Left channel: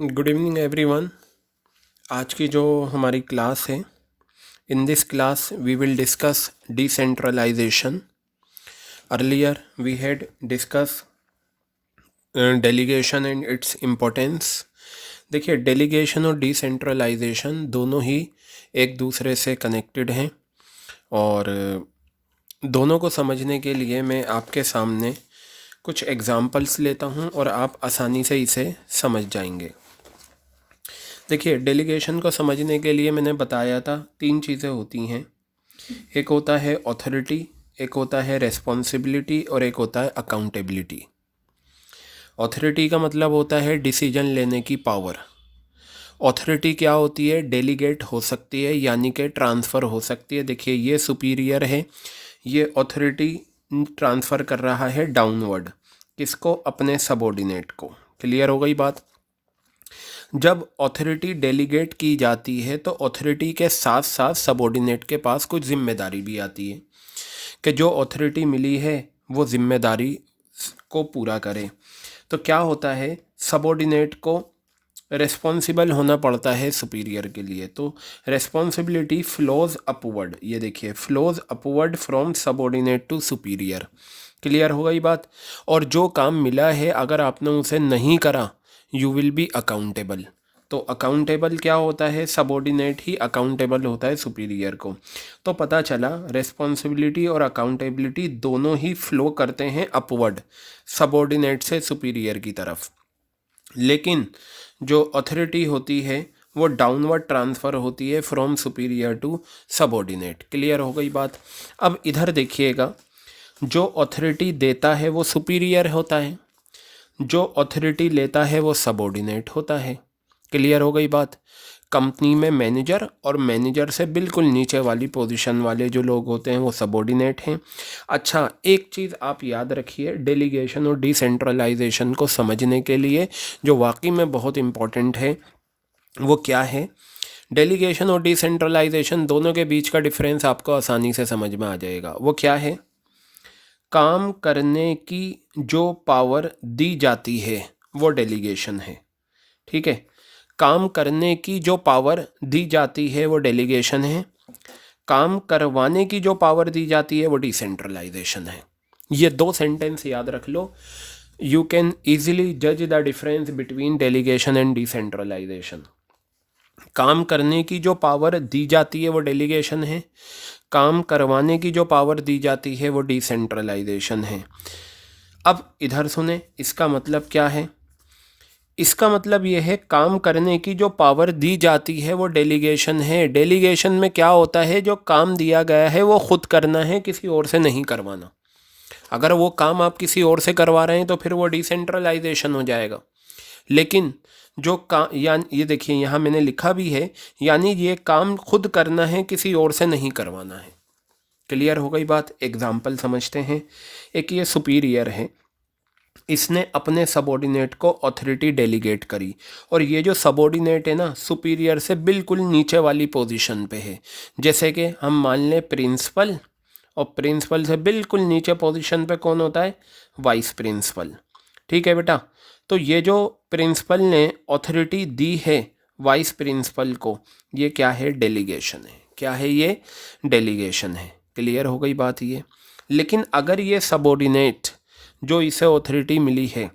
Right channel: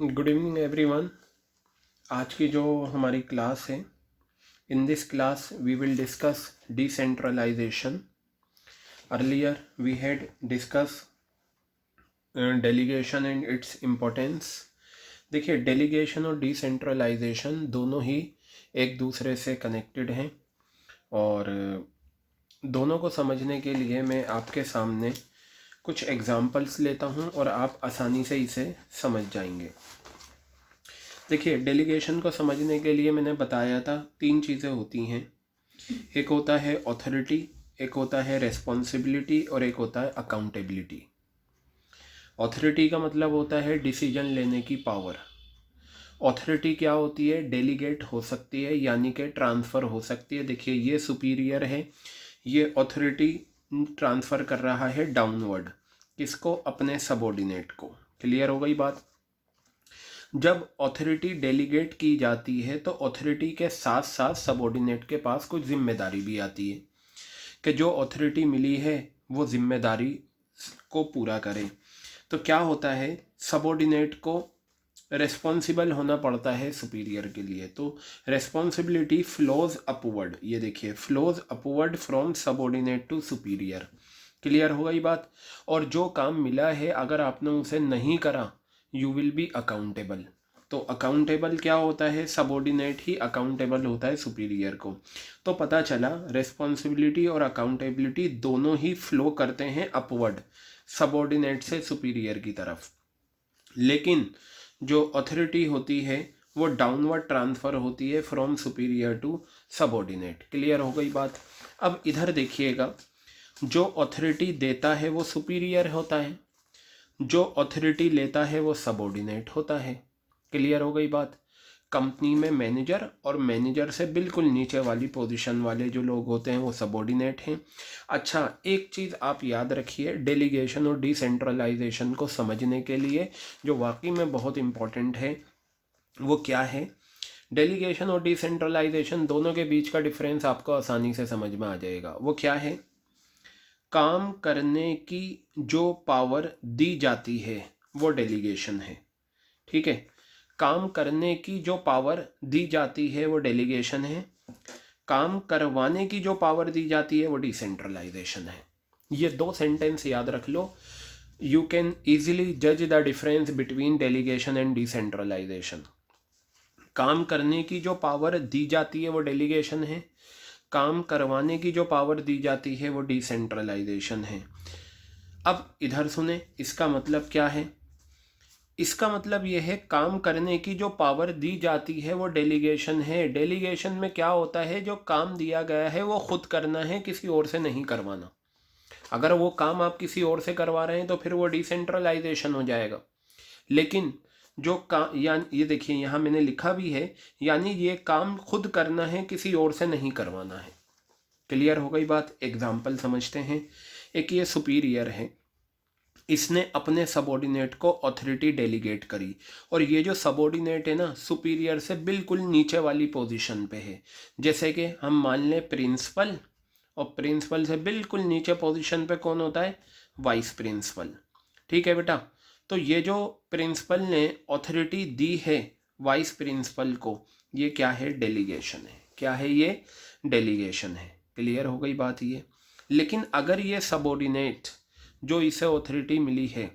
Good evening everyone. आज की जो हमारी क्लास है, in this class we will discuss decentralization. Earlier we had discuss delegation and its importance. देखिए, delegation और डिसेंट्रलाइजेशन दोनों ही एक दूसरे से कनेक्टेड हैं और दोनों को समझने के लिए मैं आपके सामने कुछ एग्जांपल्स लेता हूं और आप आसानी से इसे समझ जाएंगे। देखिए, डेलीगेशन को समझने के लिए मैंने बताया था 3 चीज़ें होती हैं। एक होता है ऑथोरिटी, एक होता है रेस्पॉन्सिबिलिटी और एक होता है अकाउंटेबिलिटी। ऑथोरिटी का मतलब होता है डिसीजन लेने की पावर। ऑथोरिटी क्या होती है? डेलीगेट हो सकती है, यानी कि ट्रांसफ़र हो सकती है। देखिए, ये सुपीरियर है, ये ऑथोरिटी ट्रांसफ़र कर रहा है डाउनवर्ड। किसको? अपने सबॉर्डिनेट को। क्लियर हो गई बात? जब ऑथोरिटी डेलीगेट की जाती है तो ऑथोरिटी के साथ साथ सबॉर्डिनेट के पास कुछ जिम्मेदारी भी आती है कि जो ऑथोरिटी मिली है वो जिम्मेदारी को पूरा करें। तो क्या होता है, सबॉर्डिनेट को रेस्पॉन्सिबल होना पड़ता है सुपीरियर के लिए। तो रेस्पॉन्सिबिलिटी फ्लोज अपवर्ड, ये देखिए, flows upward from subordinate to superior. Clear हो गई बात? और जो काम मिला है अगर आपने उसे नहीं करा, यू विल बी अकाउंटेबल। तो अकाउंटेबल क्या होता है? सबॉर्डिनेट ही अकाउंटेबल होता है सुपीरियर को। तो पता चला रेस्पॉन्सिबिलिटी और अकाउंटेबिलिटी दोनों ही फ्लो करते हैं अपवर्ड, सबॉर्डिनेट से सुपीरियर की तरफ। लेकिन जो अथॉरिटी होती है वो डाउनवर्ड ट्रांसफ़र होती है from superior to subordinate. Clear हो गई बात? अब इधर देखिएगा, जो अथॉरिटी देता है वो सुपीरियर होता है, जो अथॉरिटी लेता है वो सबॉर्डिनेट होता है। क्लियर हो गई बात? कंपनी में मैनेजर और मैनेजर से बिल्कुल नीचे वाली पोजीशन वाले जो लोग होते हैं वो सबॉर्डिनेट हैं। अच्छा, एक चीज़ आप याद रखिए, डेलीगेशन और डिसेंट्रलाइजेशन को समझने के लिए जो वाकई में बहुत इम्पॉर्टेंट है वो क्या है? डेलीगेशन और डिसेंट्रलाइजेशन दोनों के बीच का डिफरेंस आपको आसानी से समझ में आ जाएगा। वो क्या है? काम करने की जो पावर दी जाती है वो डेलीगेशन है। ठीक है, काम करने की जो पावर दी जाती है वो डेलीगेशन है, काम करवाने की जो पावर दी जाती है वो डिसेंट्रलाइजेशन है। ये 2 सेंटेंस याद रख लो। यू कैन ईजिली जज the difference between delegation and decentralization. काम करने की जो पावर दी जाती है वो डेलीगेशन है, काम करवाने की जो पावर दी जाती है वो डिसेंट्रलाइजेशन है। अब इधर सुने, इसका मतलब क्या है? इसका मतलब यह है, काम करने की जो पावर दी जाती है वो डेलीगेशन है। डेलीगेशन में क्या होता है, जो काम दिया गया है वो खुद करना है, किसी और से नहीं करवाना। अगर वो काम आप किसी और से करवा रहे हैं तो फिर वो डिसेंट्रलाइजेशन हो जाएगा। लेकिन जो काम, यानी ये देखिए यहाँ मैंने लिखा भी है, यानी ये काम खुद करना है, किसी और से नहीं करवाना है। क्लियर हो गई बात? एग्जाम्पल समझते हैं। एक ये सुपीरियर है, इसने अपने सबॉर्डिनेट को अथॉरिटी डेलीगेट करी, और ये जो सबॉर्डिनेट है ना, सुपीरियर से बिल्कुल नीचे वाली पोजीशन पे है। जैसे कि हम मान लें प्रिंसिपल, और प्रिंसिपल से बिल्कुल नीचे पोजीशन पे कौन होता है? Vice principal. ठीक है बेटा? तो ये जो प्रिंसिपल ने अथॉरिटी दी है वाइस प्रिंसिपल को, ये क्या है? डेलीगेशन है। क्या है ये? डेलीगेशन है। क्लियर हो गई बात ये? लेकिन अगर ये सबॉर्डिनेट जो इसे अथॉरिटी मिली है,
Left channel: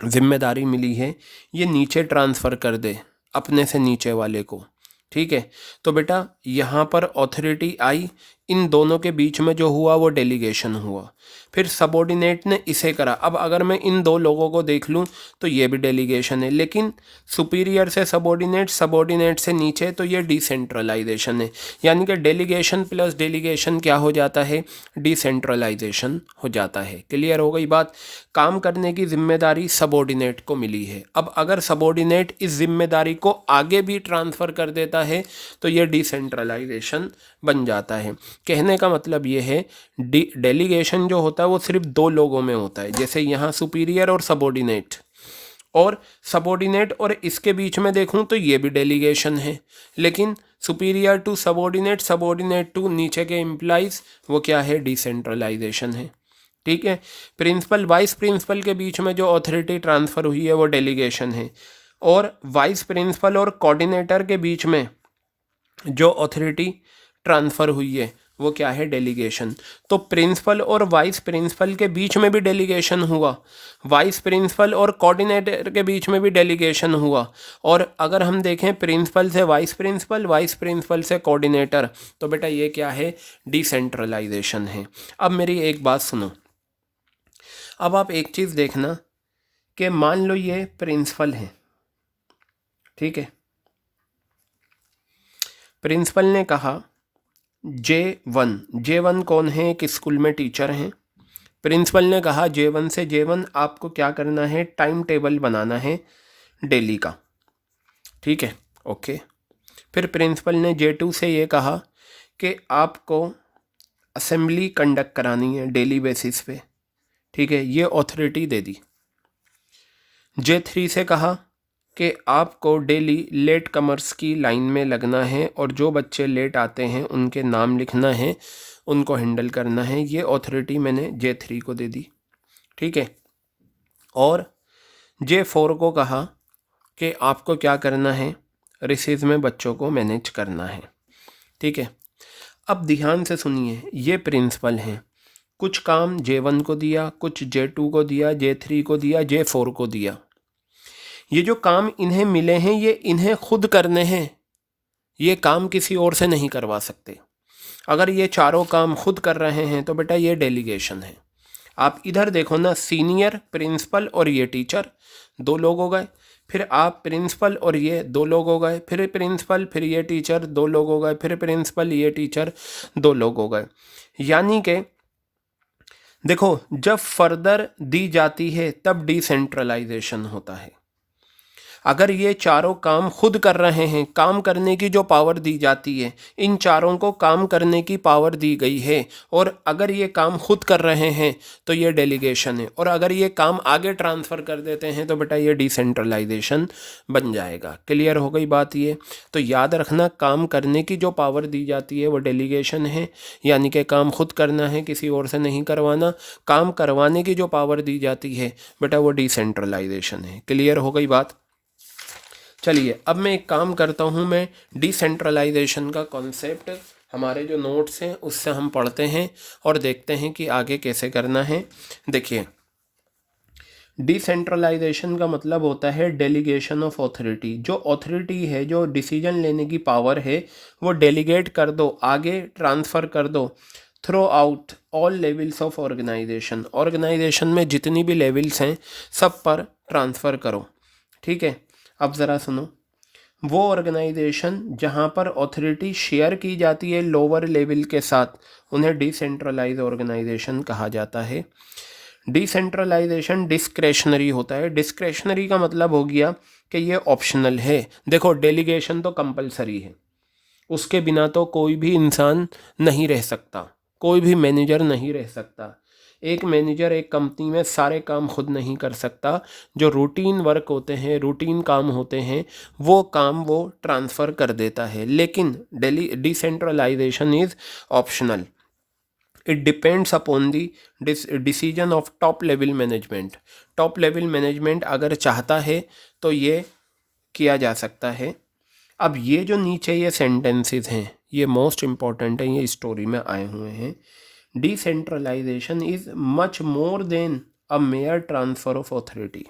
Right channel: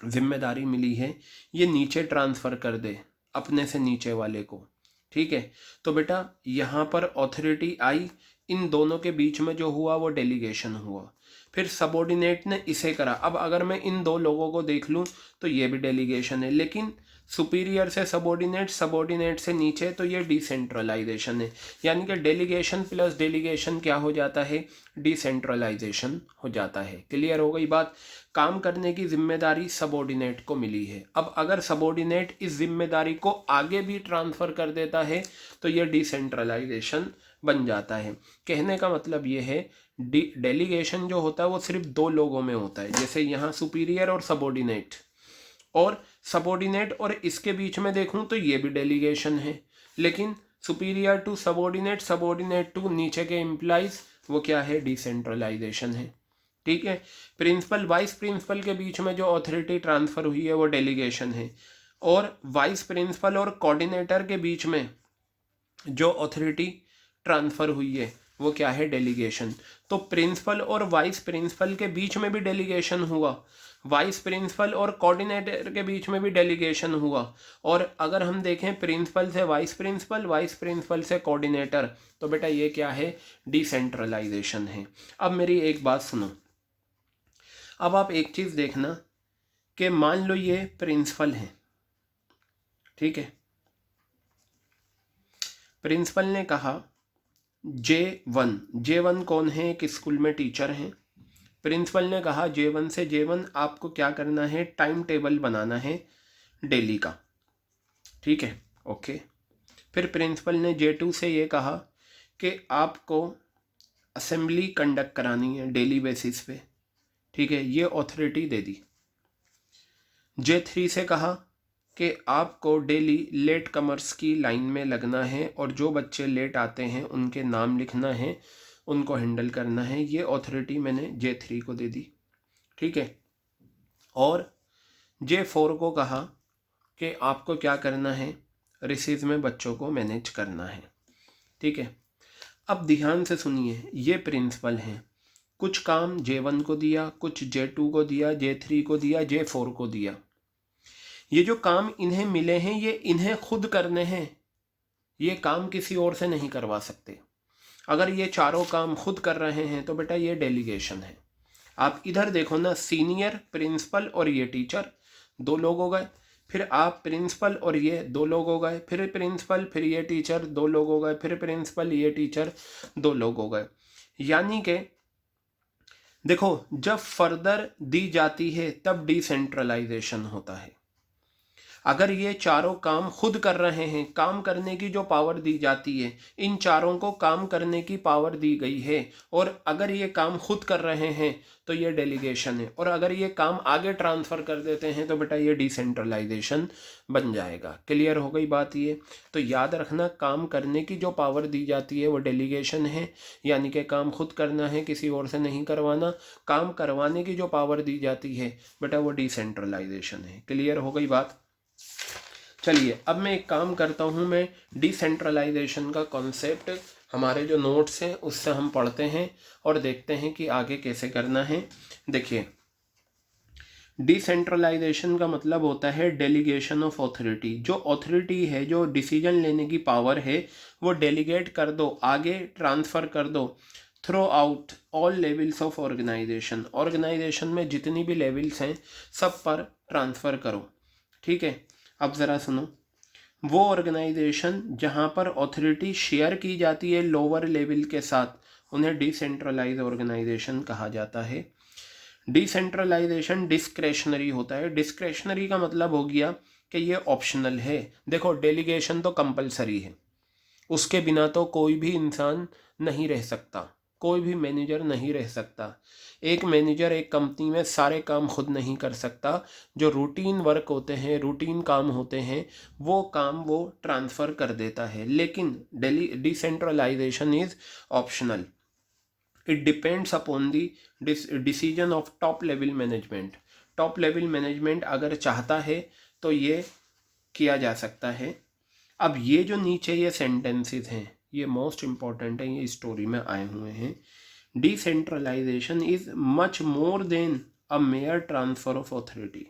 जिम्मेदारी मिली है, ये नीचे ट्रांसफ़र कर दे अपने से नीचे वाले को, ठीक है, तो बेटा यहाँ पर अथॉरिटी आई, इन दोनों के बीच में जो हुआ वो डेलीगेशन हुआ। फिर सबॉर्डिनेट ने इसे करा। अब अगर मैं इन दो लोगों को देख लूँ तो ये भी डेलीगेशन है, लेकिन सुपीरियर से सबॉर्डिनेट, सबॉर्डिनेट से नीचे, तो ये डिसेंट्रलाइजेशन है। यानी कि डेलीगेशन प्लस डेलीगेशन क्या हो जाता है? डिसेंट्रलाइजेशन हो जाता है। क्लियर हो गई बात? काम करने की जिम्मेदारी सबॉर्डिनेट को मिली है। अब अगर सबॉर्डिनेट इस जिम्मेदारी को आगे भी ट्रांसफ़र कर देता है तो ये डिसेंट्रलाइजेशन बन जाता है। कहने का मतलब ये है, डेलीगेशन जो होता है वो सिर्फ 2 लोगों में होता है, जैसे यहाँ सुपीरियर और सबॉर्डिनेट, और सबॉर्डिनेट और इसके बीच में देखूँ तो ये भी डेलीगेशन है। लेकिन superior to subordinate, subordinate to नीचे के एम्प्लॉइज, वो क्या है? डिसेंट्रलाइजेशन है। ठीक है? प्रिंसिपल वाइस प्रिंसिपल के बीच में जो अथॉरिटी ट्रांसफ़र हुई है वो डेलीगेशन है। और वाइस प्रिंसिपल और कोऑर्डिनेटर के बीच में जो अथॉरिटी ट्रांसफ़र हुई है वो क्या है, डेलीगेशन। तो प्रिंसिपल और वाइस प्रिंसिपल के बीच में भी डेलीगेशन हुआ, वाइस प्रिंसिपल और कोऑर्डिनेटर के बीच में भी डेलीगेशन हुआ, और अगर हम देखें प्रिंसिपल से वाइस प्रिंसिपल, वाइस प्रिंसिपल से कोऑर्डिनेटर, तो बेटा ये क्या है, डिसेंट्रलाइजेशन है। अब मेरी एक बात सुनो, अब आप एक चीज़ देखना कि मान लो ये प्रिंसिपल है, ठीक है, प्रिंसिपल ने कहा J1 कौन है, एक स्कूल में टीचर हैं। प्रिंसिपल ने कहा J1 से J1 आपको क्या करना है, टाइम टेबल बनाना है डेली का, ठीक है, ओके। फिर प्रिंसिपल ने J2 से ये कहा कि आपको असेंबली कंडक्ट करानी है डेली बेसिस पे, ठीक है, ये अथॉरिटी दे दी। J3 से कहा कि आपको डेली लेट कमर्स की लाइन में लगना है और जो बच्चे लेट आते हैं उनके नाम लिखना है, उनको हैंडल करना है, ये अथॉरिटी मैंने J3 को दे दी, ठीक है। और J4 को कहा कि आपको क्या करना है, रिसीव में बच्चों को मैनेज करना है, ठीक है। अब ध्यान से सुनिए, ये प्रिंसिपल हैं, कुछ काम J1 को दिया, कुछ J2 को दिया, J3 को दिया, J4 को दिया। ये जो काम इन्हें मिले हैं ये इन्हें खुद करने हैं, ये काम किसी और से नहीं करवा सकते। अगर ये चारों काम खुद कर रहे हैं तो बेटा ये डेलीगेशन है। आप इधर देखो ना, सीनियर प्रिंसिपल और ये टीचर दो लोग हो गए, फिर आप प्रिंसिपल और ये दो लोग हो गए, फिर प्रिंसिपल फिर ये टीचर दो लोग हो गए, फिर प्रिंसिपल ये टीचर दो लोग हो गए। यानी कि देखो, जब फर्दर दी जाती है तब डिसेंट्रलाइजेशन होता है। अगर ये चारों काम खुद कर रहे हैं, काम करने की जो पावर दी जाती है, इन चारों को काम करने की पावर दी गई है, और अगर ये काम खुद कर रहे हैं तो ये डेलीगेशन है, और अगर ये काम आगे ट्रांसफ़र कर देते हैं तो बेटा ये डिसेंट्रलाइजेशन बन जाएगा। क्लियर हो गई बात ये? तो याद रखना, काम करने की जो पावर दी जाती है वो डेलीगेशन है, यानी कि काम खुद करना है, किसी और से नहीं करवाना। काम करवाने की जो पावर दी जाती है बेटा वो डिसेंट्रलाइजेशन है। क्लियर हो गई बात? चलिए अब मैं एक काम करता हूँ, मैं डिसेंट्रलाइजेशन का कॉन्सेप्ट हमारे जो नोट्स हैं उससे हम पढ़ते हैं और देखते हैं कि आगे कैसे करना है। देखिए, डिसेंट्रलाइजेशन का मतलब होता है डेलीगेशन ऑफ ऑथोरिटी। जो ऑथोरिटी है, जो डिसीजन लेने की पावर है, वो डेलीगेट कर दो, आगे ट्रांसफ़र कर दो throughout all levels of organization. Organization में जितनी भी लेवल्स हैं सब पर ट्रांसफ़र करो, ठीक है। अब ज़रा सुनो, वो ऑर्गेनाइजेशन जहाँ पर ऑथोरिटी शेयर की जाती है लोअर लेवल के साथ, उन्हें डिसेंट्रलाइज ऑर्गेनाइजेशन कहा जाता है। डिसेंट्रलाइजेशन डिस्क्रेशनरी होता है। डिस्क्रेशनरी का मतलब हो गया कि ये ऑप्शनल है। देखो, डेलीगेशन तो कंपलसरी है, उसके बिना तो कोई भी इंसान नहीं रह सकता, कोई भी मैनेजर नहीं रह सकता। एक मैनेजर एक कंपनी में सारे काम खुद नहीं कर सकता। जो रूटीन वर्क होते हैं, रूटीन काम होते हैं, वो काम वो ट्रांसफ़र कर देता है। लेकिन decentralization is optional. It depends upon the decision of top level management. Top level management अगर चाहता है तो ये किया जा सकता है। अब ये जो नीचे ये सेंटेंसेस हैं ये मोस्ट इम्पॉर्टेंट हैं, ये स्टोरी में आए हुए हैं। Decentralization is much more than a mere transfer of authority.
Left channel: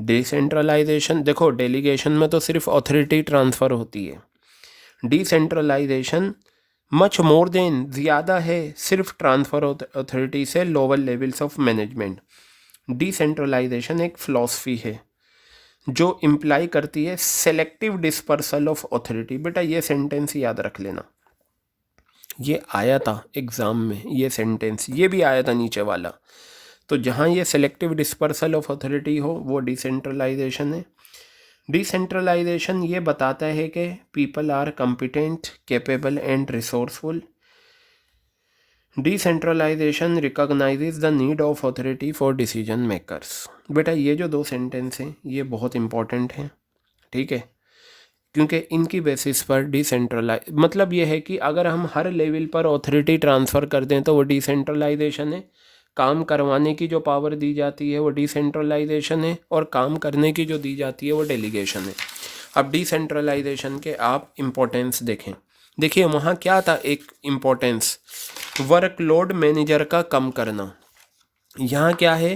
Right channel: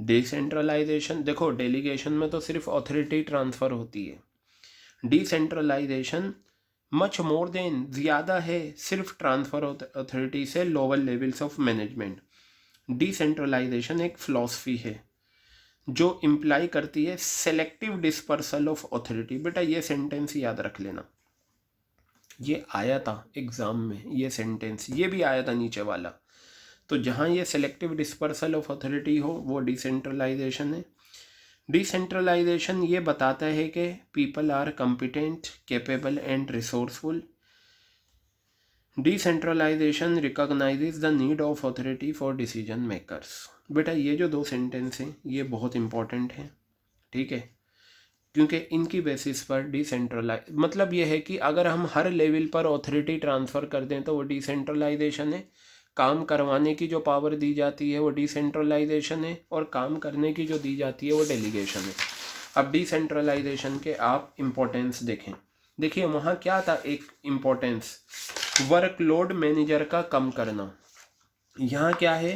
Decentralization, देखो डेलीगेशन में तो सिर्फ ऑथोरिटी ट्रांसफ़र होती है। डिसेंट्रलाइजेशन मच मोर देन, ज़्यादा है सिर्फ ट्रांसफ़र ऑथोरिटी से lower levels of management. Decentralization एक फ़िलॉसफी है जो इम्प्लाई करती है सेलेक्टिव डिस्पर्सल ऑफ ऑथोरिटी। बेटा ये सेंटेंस याद रख लेना, ये आया था एग्ज़ाम में, ये सेंटेंस ये भी आया था नीचे वाला। तो जहाँ ये सेलेक्टिव डिस्पर्सल ऑफ ऑथोरिटी हो वो डिसेंट्रलाइजेशन है। डिसेंट्रलाइजेशन ये बताता है कि people are competent, capable and resourceful. Decentralization recognizes the need of authority for decision makers. बेटा ये जो दो सेंटेंस हैं ये बहुत इंपॉर्टेंट हैं, ठीक है, क्योंकि इनकी बेसिस पर डिसेंट्रलाइज मतलब ये है कि अगर हम हर लेवल पर ऑथोरिटी ट्रांसफ़र कर दें तो वो डिसेंट्रलाइजेशन है। काम करवाने की जो पावर दी जाती है वो डिसेंट्रलाइजेशन है, और काम करने की जो दी जाती है वो डेलीगेशन है। अब डिसेंट्रलाइजेशन के आप इम्पोर्टेंस देखें। देखिए वहाँ क्या था, एक इम्पोर्टेंस वर्कलोड मैनेजर का कम करना। यहाँ क्या है,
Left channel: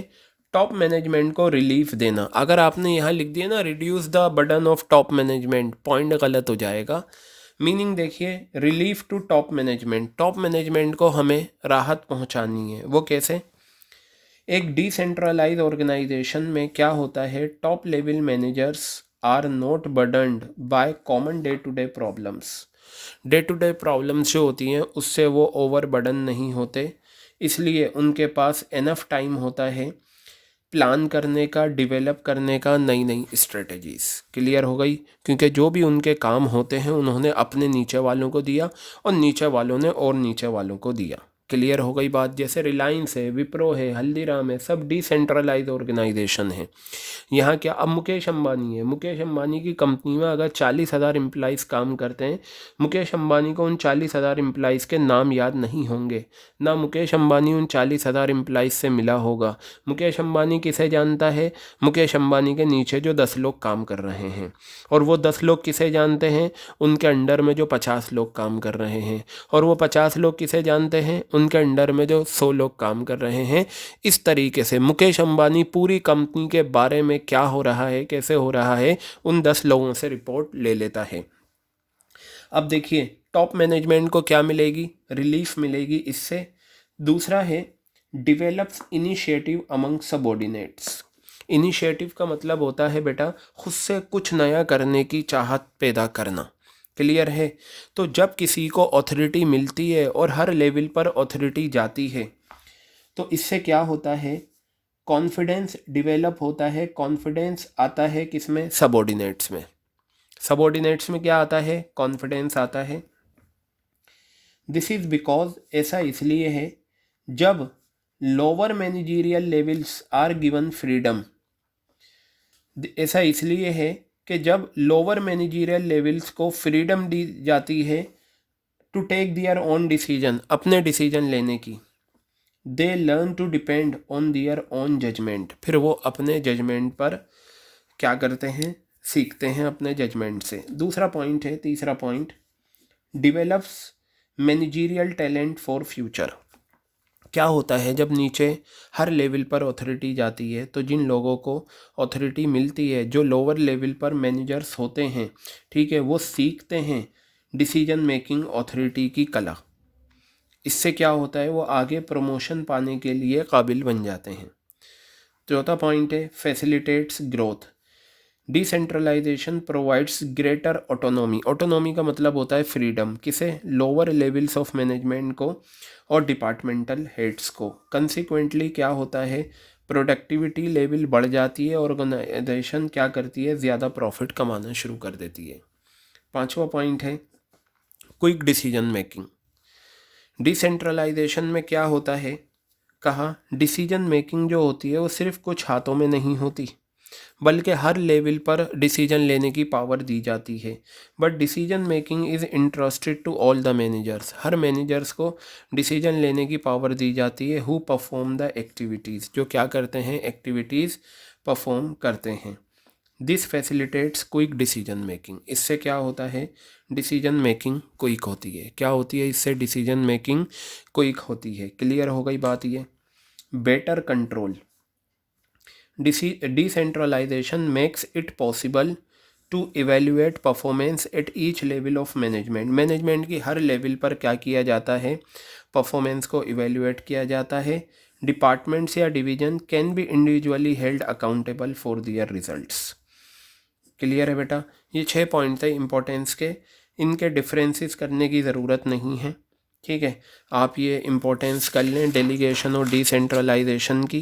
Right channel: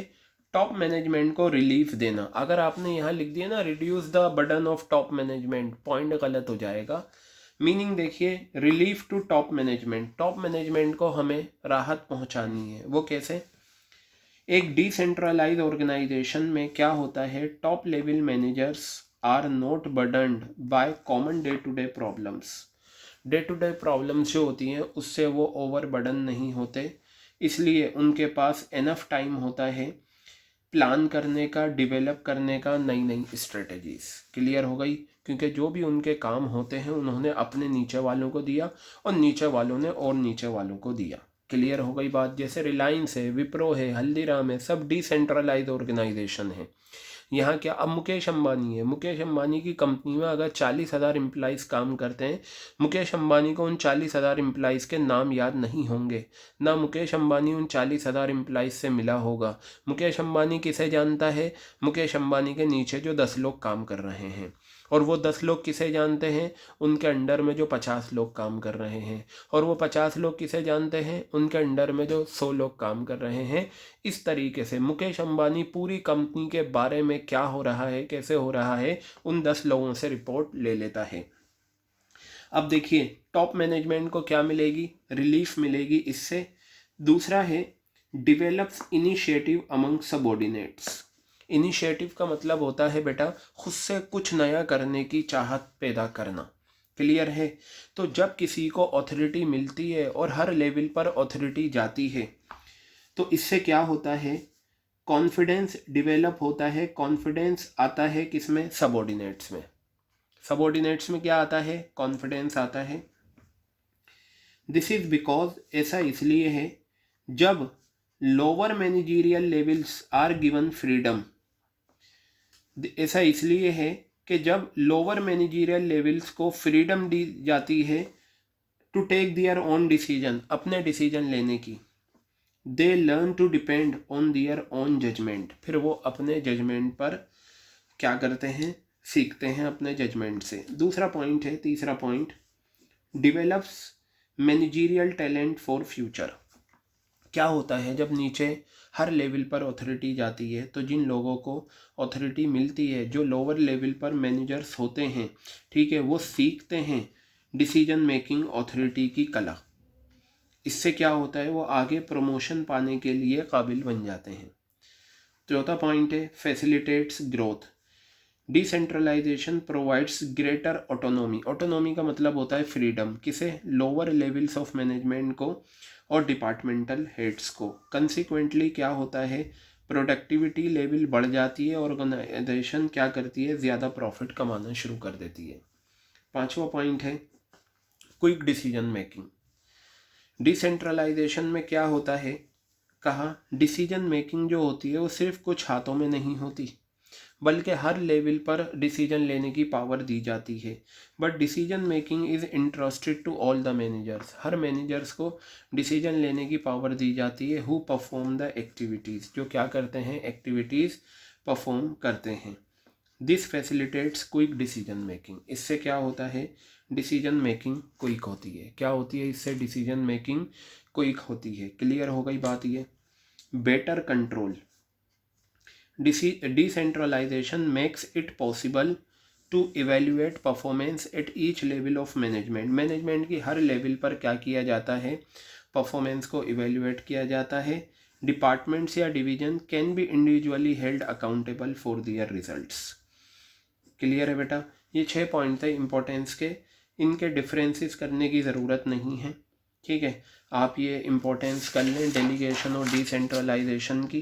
टॉप मैनेजमेंट को रिलीफ देना। अगर आपने यहाँ लिख दिया ना reduce the burden of top management, point गलत हो जाएगा। मीनिंग देखिए, relief to top management, top management को हमें राहत पहुँचानी है। वो कैसे? एक डिसेंट्रलाइज ऑर्गेनाइजेशन में क्या होता है, top level managers are not burdened by common day to day problems. Day to day problems जो होती हैं उससे वो ओवर बर्डन नहीं होते, इसलिए उनके पास इनफ टाइम होता है प्लान करने का, डेवलप करने का नई नई स्ट्रेटजीज़। क्लियर हो गई? क्योंकि जो भी उनके काम होते हैं उन्होंने अपने नीचे वालों को दिया और नीचे वालों ने और नीचे वालों को दिया। क्लियर हो गई बात? जैसे रिलायंस है, विप्रो है, हल्दीराम है, सब डिसेंट्रलाइज ऑर्गेनाइजेशन है। यहाँ क्या, अब मुकेश अंबानी है, मुकेश अंबानी की कंपनी में अगर 40,000 एम्प्लॉइज़ काम करते हैं, मुकेश अंबानी को उन 40,000 एम्प्लॉइज़ के नाम याद नहीं होंगे, ना मुकेश अंबानी उन 40,000 एम्प्लॉइज़ से मिला होगा। मुकेश अंबानी किसे जानता है? मुकेश अंबानी के नीचे जो 10 लोग काम कर रहे हैं। और वो 10 लोग किसे जानते हैं? उनके अंडर में जो 50 लोग काम कर रहे हैं। और वो 50 लोग किसे जानते हैं? उनके अंडर में जो 100 लोग काम कर रहे हैं। इस तरीके से मुकेश अंबानी पूरी कंपनी के बारे में क्या हो रहा है, कैसे हो रहा है, उन 10 लोगों से रिपोर्ट ले लेता है। अब देखिए टॉप मैनेजमेंट को क्या मिलेगी? रिलीफ मिलेगी इससे। दूसरा है develops initiative among subordinates. Initiative का मतलब होता है बेटा खुद से कुछ नया करने की चाहत पैदा करना। क्लियर है? तो जब किसी को अथॉरिटी मिलती है और हर लेवल पर अथॉरिटी जाती है तो इससे क्या होता है, कॉन्फिडेंस डेवलप होता है। कॉन्फिडेंस आता है किसमें? सबऑर्डिनेट्स में। सबऑर्डिनेट्स में क्या आता है? कॉन्फिडेंस आता है। दिस इज बिकॉज, ऐसा इसलिए है जब lower managerial levels are given freedom. ऐसा इसलिए है कि जब लोअर मैनेजरियल लेवल्स को फ्रीडम दी जाती है to take their own decision, अपने डिसीजन लेने की, they learn to depend on their own judgement. फिर वो अपने जजमेंट पर क्या करते हैं? सीखते हैं अपने जजमेंट से। दूसरा पॉइंट है, तीसरा point, develops managerial talent for future. क्या होता है जब नीचे हर लेवल पर अथॉरिटी जाती है तो जिन लोगों को अथॉरिटी मिलती है, जो लोअर लेवल पर मैनेजर्स होते हैं, ठीक है, वो सीखते हैं डिसीजन मेकिंग अथॉरिटी की कला। इससे क्या होता है, वो आगे प्रमोशन पाने के लिए काबिल बन जाते हैं। चौथा पॉइंट है facilitates growth. Decentralization provides greater autonomy. Autonomy का मतलब होता है फ्रीडम। किसे? लोअर लेवल्स ऑफ मैनेजमेंट को और डिपार्टमेंटल हेड्स को। कंसिक्वेंटली क्या होता है, प्रोडक्टिविटी लेवल बढ़ जाती है, ऑर्गेनाइजेशन क्या करती है, ज़्यादा प्रॉफिट कमाना शुरू कर देती है। पांचवा पॉइंट है क्विक डिसीजन मेकिंग। डिसेंट्रलाइजेशन में क्या होता है, कहा डिसीजन मेकिंग जो होती है वो सिर्फ कुछ हाथों में नहीं होती, बल्कि हर लेवल पर डिसीजन लेने की पावर दी जाती है। But decision making is interested to all the managers. हर मैनेजर्स को डिसीजन लेने की पावर दी जाती है। हु परफॉर्म द एक्टिविटीज़, जो क्या करते हैं, एक्टिविटीज़ परफॉर्म करते हैं। This facilitates quick decision making. इससे क्या होता है, डिसीजन मेकिंग क्विक होती है। क्या होती है इससे? डिसीजन मेकिंग क्विक होती है। क्लियर हो गई बात ये? Better control. Decentralization makes it possible to evaluate performance at each level of management. Management की हर लेवल पर क्या किया जाता है, परफॉर्मेंस को इवेल्युएट किया जाता है। डिपार्टमेंट्स या division can be individually held accountable for their results. Clear है बेटा? ये 6 पॉइंट थे इंपॉर्टेंस के, इनके डिफरेंसेस करने की ज़रूरत नहीं है। ठीक है, आप ये इम्पोर्टेंस कर लें डेलीगेशन और डिसेंट्रलाइजेशन की।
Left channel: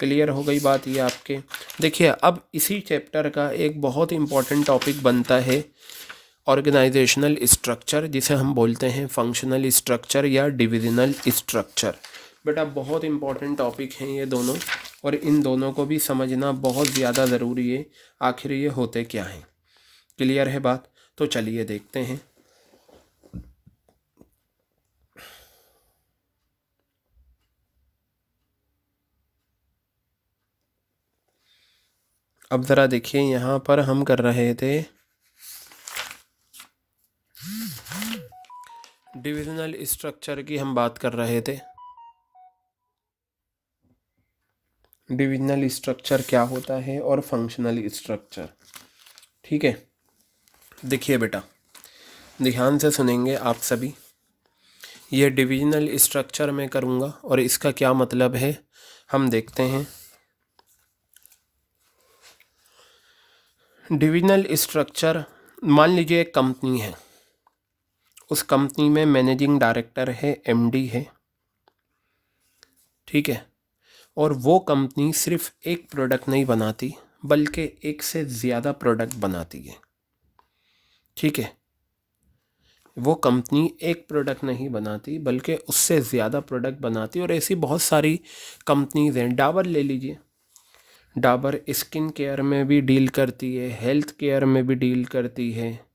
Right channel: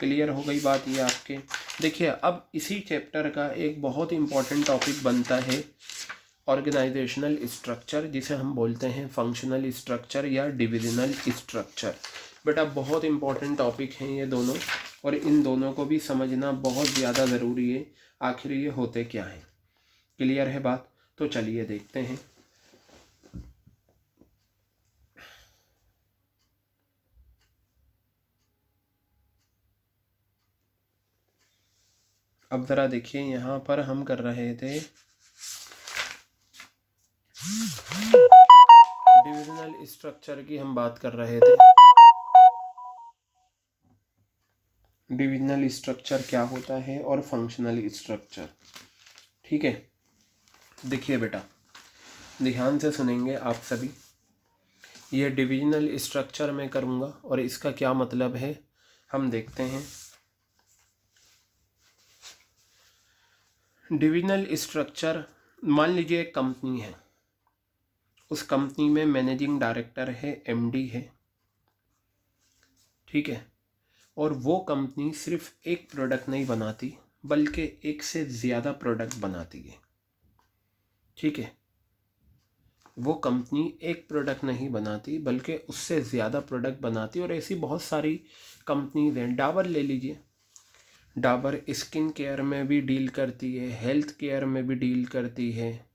क्लियर हो गई बात ये आपके? देखिए अब इसी चैप्टर का एक बहुत इंपॉर्टेंट टॉपिक बनता है ऑर्गेनाइजेशनल स्ट्रक्चर, जिसे हम बोलते हैं फंक्शनल स्ट्रक्चर या डिविजनल स्ट्रक्चर। बेटा बहुत इंपॉर्टेंट टॉपिक हैं ये दोनों, और इन दोनों को भी समझना बहुत ज़्यादा ज़रूरी है, आखिर ये होते क्या हैं। क्लियर है बात? तो चलिए देखते हैं। अब ज़रा देखिए, यहाँ पर हम कर रहे थे डिविजनल स्ट्रक्चर की, हम बात कर रहे थे डिविजनल स्ट्रक्चर क्या होता है और फंक्शनल स्ट्रक्चर। ठीक है, देखिए बेटा, ध्यान से सुनेंगे आप सभी। ये डिविजनल स्ट्रक्चर मैं करूँगा और इसका क्या मतलब है हम देखते हैं। डिविजनल स्ट्रक्चर, मान लीजिए एक कंपनी है, उस कंपनी में मैनेजिंग डायरेक्टर है, एमडी है, ठीक है, और वो कंपनी सिर्फ एक प्रोडक्ट नहीं बनाती बल्कि एक से ज़्यादा प्रोडक्ट बनाती है। ठीक है, वो कंपनी एक प्रोडक्ट नहीं बनाती बल्कि उससे ज़्यादा प्रोडक्ट बनाती है, और ऐसी बहुत सारी कंपनीज़ हैं। डाबर ले लीजिए, डाबर स्किन केयर में भी डील करती है, हेल्थ केयर में भी डील करती है,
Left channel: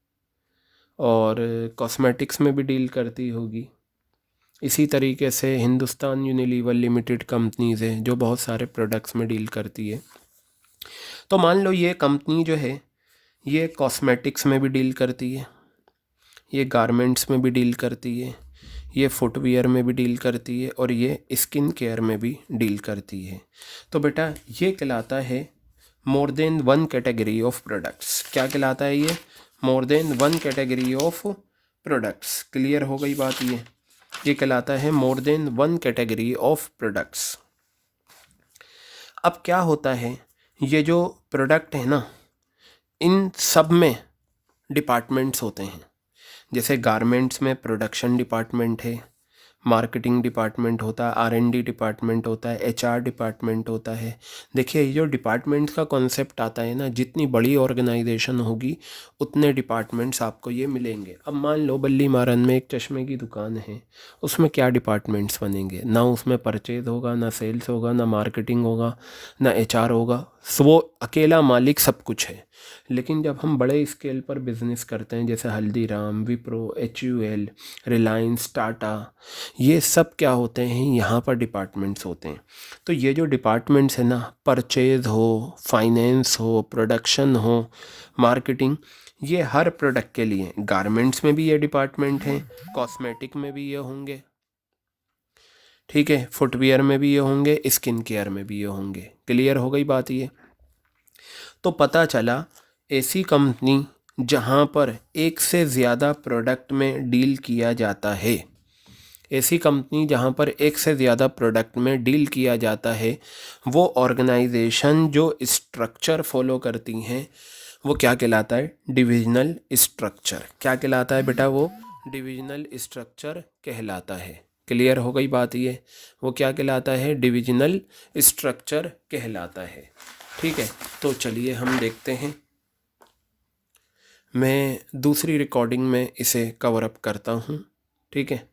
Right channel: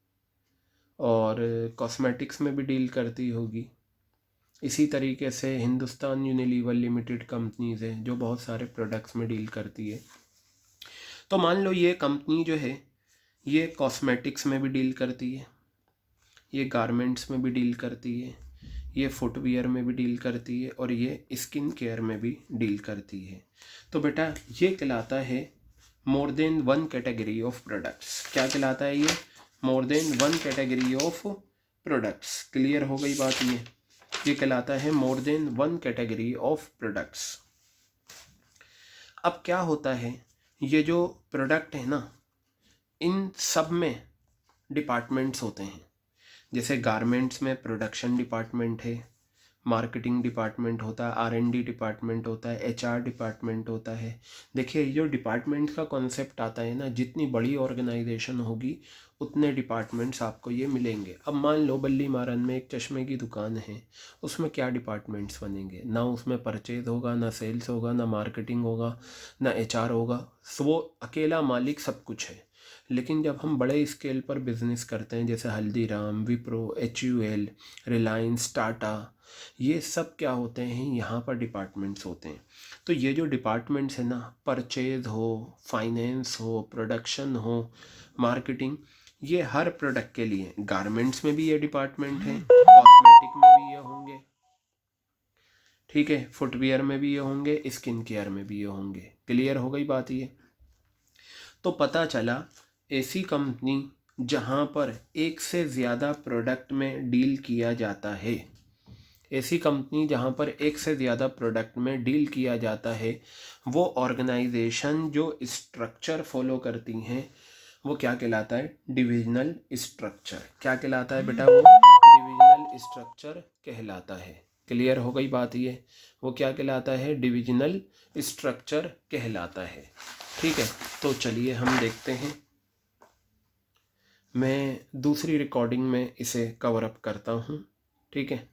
और कॉस्मेटिक्स में भी डील करती होगी। इसी तरीके से हिंदुस्तान यूनिलीवर लिमिटेड कंपनीज़ है जो बहुत सारे प्रोडक्ट्स में डील करती है। तो मान लो ये कंपनी जो है ये कॉस्मेटिक्स में भी डील करती है, ये गारमेंट्स में भी डील करती है, ये फुटवियर में भी डील करती है, और ये स्किन केयर में भी डील करती है। तो बेटा ये कहलाता है more than one category of products. क्या कहलाता है ये? More than one category of products. Clear हो गई बात? ये कहलाता है more than one category of products. अब क्या होता है, ये जो प्रोडक्ट है ना, इन सब में डिपार्टमेंट्स होते हैं। जैसे गारमेंट्स में प्रोडक्शन डिपार्टमेंट है, मार्केटिंग डिपार्टमेंट होता है, आर&डी डिपार्टमेंट होता है, एचआर डिपार्टमेंट होता है। देखिए ये जो डिपार्टमेंट्स का कॉन्सेप्ट आता है ना, जितनी बड़ी ऑर्गेनाइजेशन होगी उतने डिपार्टमेंट्स आपको ये मिलेंगे। अब मान लो बल्ली मारन में एक चश्मे की दुकान है, उसमें क्या डिपार्टमेंट्स बनेंगे? ना उसमें परचेज होगा, ना सेल्स होगा, ना मार्केटिंग होगा, ना एचआर होगा। सो वो अकेला मालिक सब कुछ है। लेकिन जब हम बड़े स्केल पर बिज़नेस करते हैं, जैसे हल्दीराम, विप्रो, HUL, रिलायंस, टाटा, ये सब क्या होते हैं, यहाँ पर डिपार्टमेंट्स होते हैं। तो ये जो डिपार्टमेंट्स हैं ना, परचेज हो, फाइनेंस हो, प्रोडक्शन हो, मार्केटिंग, ये हर प्रोडक्ट के लिए, गारमेंट्स में भी ये डिपार्टमेंट हैं, कॉस्मेटिक में भी ये होंगे, ठीक है, फुटवियर में भी ये होंगे, स्किन केयर में भी ये होंगे। क्लियर हो गई बात? ये तो पता चला ऐसी कंपनी जहाँ पर एक से ज़्यादा प्रोडक्ट में डील किया जाता है, ऐसी कंपनी जहाँ पर एक से ज़्यादा प्रोडक्ट में डील किया जाता है, वो ऑर्गेनाइजेशन जो स्ट्रक्चर फॉलो करती हैं वो क्या कहलाता है? Divisional structure. क्या कहलाता है बेटा? वो डिविजनल स्ट्रक्चर कहलाता है। क्लियर हो गई बात? ये वो क्या कहलाता है? डिविजनल स्ट्रक्चर कहलाता है। ठीक है, तो चलिए हम देखते हैं। मैं दूसरी रिकॉर्डिंग में इसे कवर अप करता हूँ, ठीक है।